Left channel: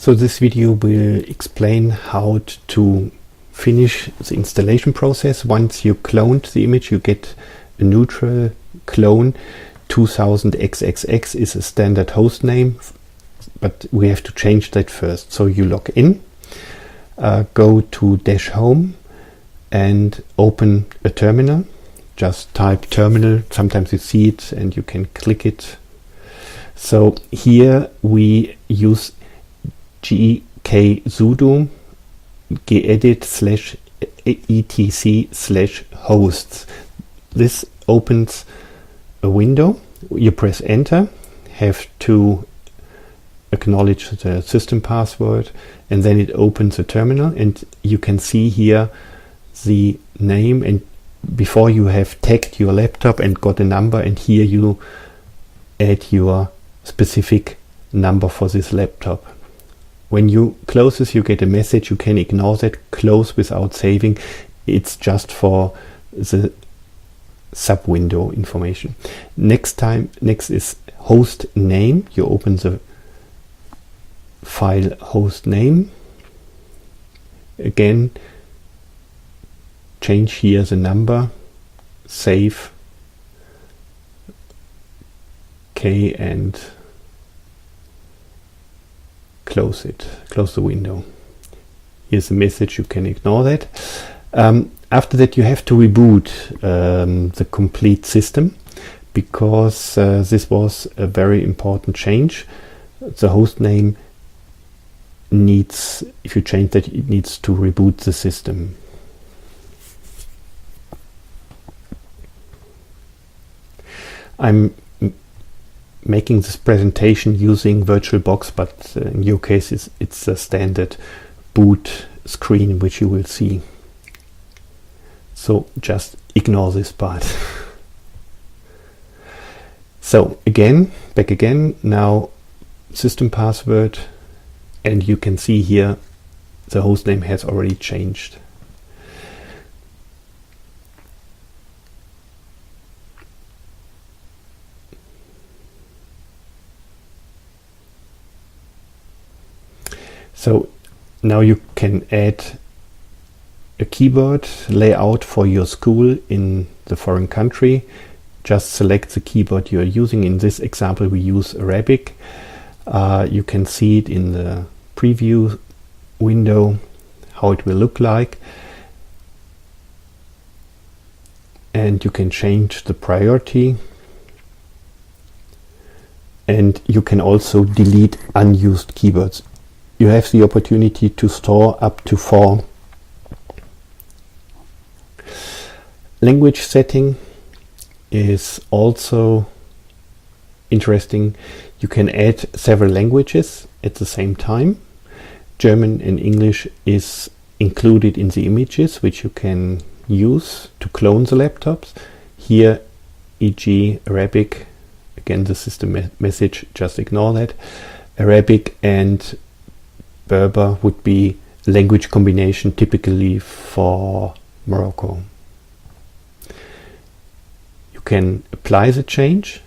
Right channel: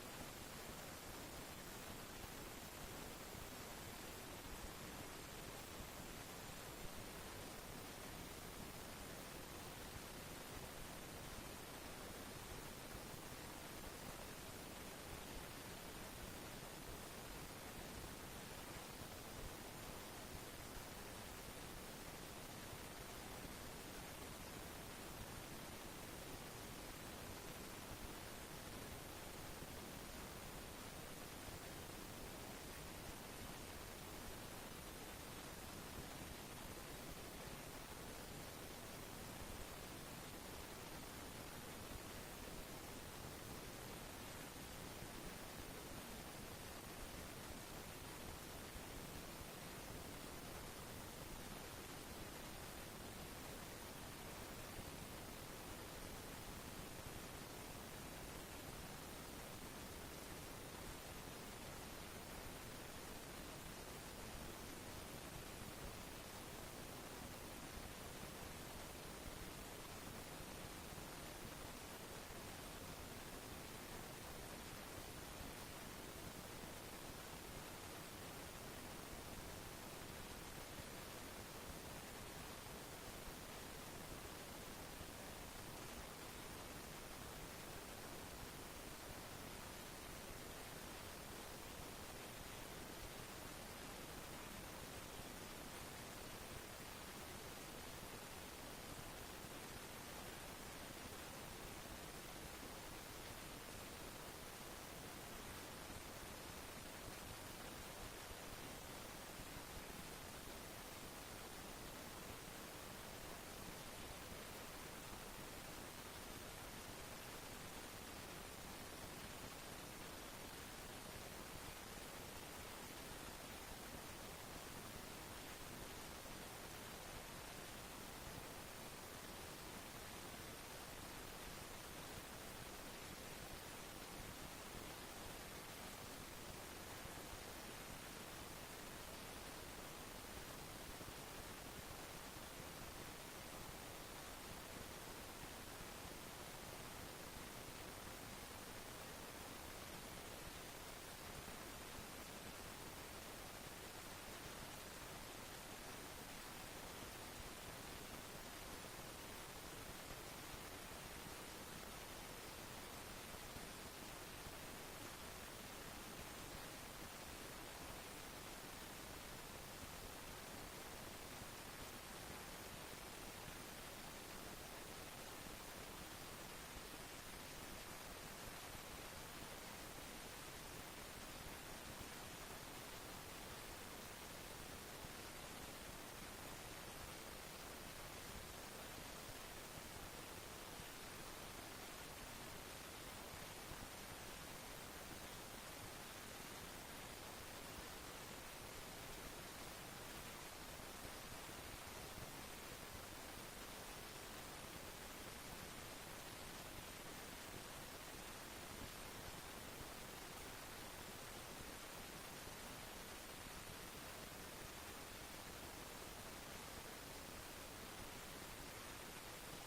So this video will explain how to finish the installation process. Once you cloned the image, you get a neutral clone. 2000xxx is a standard host name, but we have to change that first. So you log in, go to -home and open a terminal. Just type terminal, sometimes you see it and you can click it. So here we use gksudo gedit /etc/hosts. This opens a window. You press enter, have to acknowledge the system password, and then it opens a terminal, and you can see here the name, and before you have tagged your laptop and got a number, and here you add your specific number for this laptop. When you close this, you get a message. You can ignore that. Close without saving. It's just for the sub window information. Next is host name. You open the file host name. Again, change here the number, save, OK, and close it, close the window. Here's a message, you can ignore that. After that, you have to reboot the complete system, because this was a very important change. The host name needs, if you change that, it needs to reboot the system. I'm making this presentation using VirtualBox, but in your case it's a standard boot screen which you will see. So just ignore this part. So back again, now system password, and you can see here the hostname has already changed. So now you can add a keyboard layout for your school in the foreign country. Just select the keyboard you are using. In this example, we use Arabic. You can see it in the preview window, how it will look like. And you can change the priority. And you can also delete unused keyboards. You have the opportunity to store up to 4. Language setting is also interesting. You can add several languages at the same time. German and English is included in the images which you can use to clone the laptops. Here, e.g. Arabic, again the system message, just ignore that. Arabic and Berber would be language combination typically for Morocco. You can apply the change.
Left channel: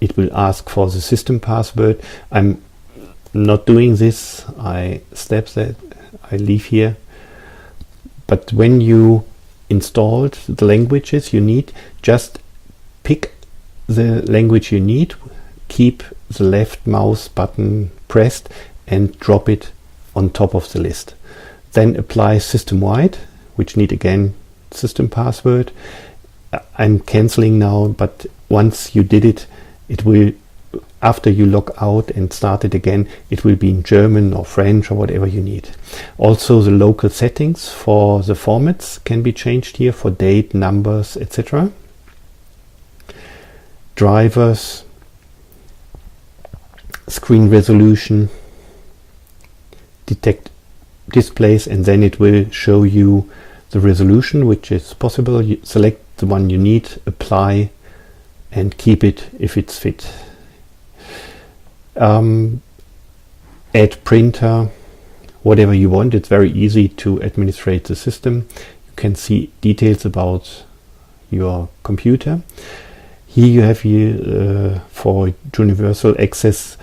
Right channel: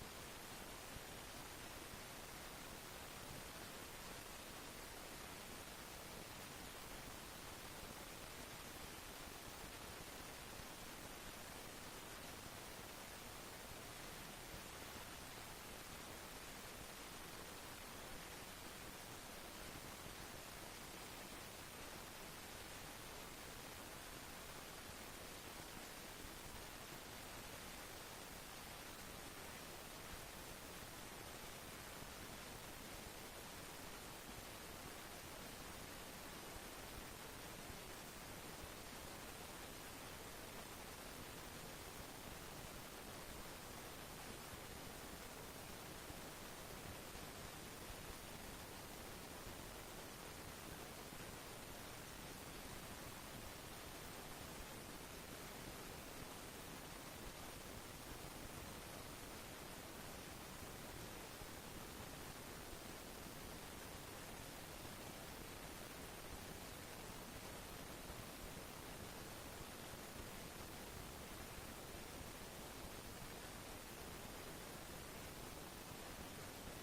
It will ask for the system password. I'm not doing this. I step that. I leave here. But when you installed the languages you need, just pick the language you need, keep the left mouse button pressed, and drop it on top of the list. Then apply system-wide, which need again system password. I'm canceling now, but once you did it, it will, after you log out and start it again, it will be in German or French or whatever you need. Also, the local settings for the formats can be changed here for date, numbers, etc. Drivers, screen resolution, detect displays, and then it will show you the resolution which is possible. You select the one you need, apply, and keep it if it's fit. Add printer, whatever you want. It's very easy to administrate the system. You can see details about your computer. Here you have for universal access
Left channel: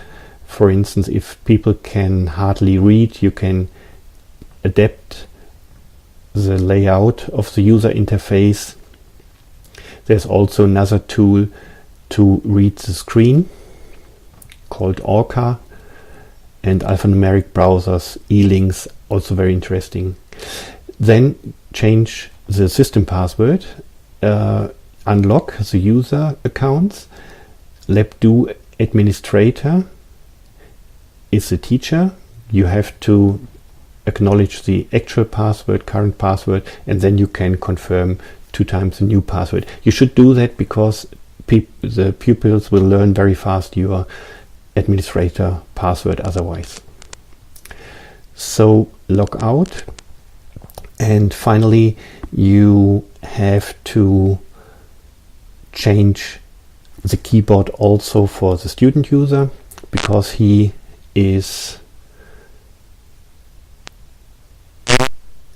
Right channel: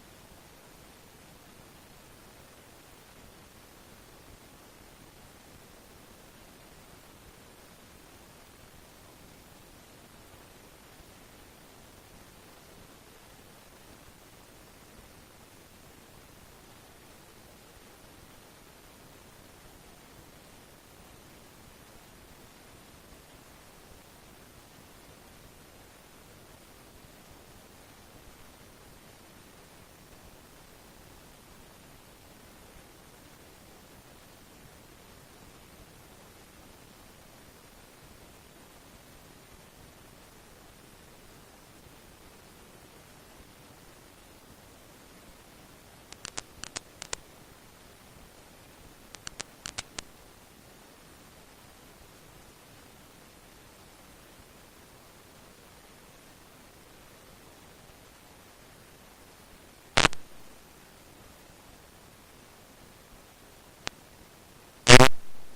For instance, if people can hardly read, you can adapt the layout of the user interface. There's also another tool to read the screen called Orca, and alphanumeric browsers, e-links, also very interesting. Then change the system password, unlock the user accounts. Labdoo administrator is the teacher. You have to acknowledge the actual password, current password, and then you can confirm 2 times the new password. You should do that because the pupils will learn very fast your administrator password otherwise. So log out, and finally you have to change the keyboard also for the student user, because he is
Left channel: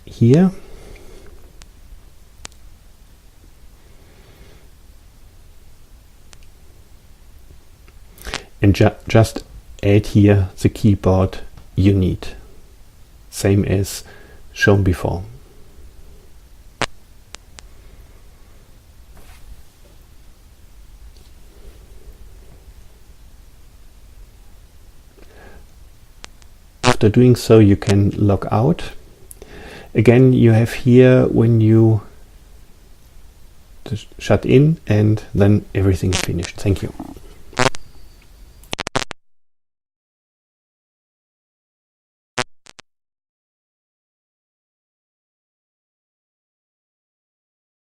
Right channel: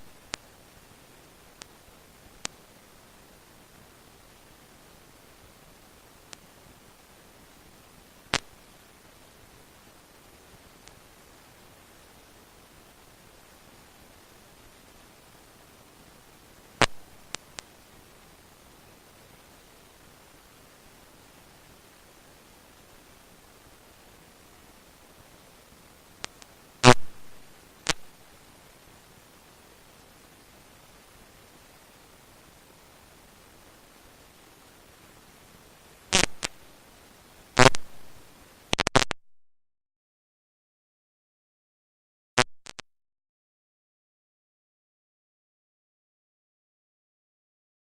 here. And just add here the keyboard you need, same as shown before. After doing so, you can log out. Again, you have here when you shut in, and then everything is finished. Thank you.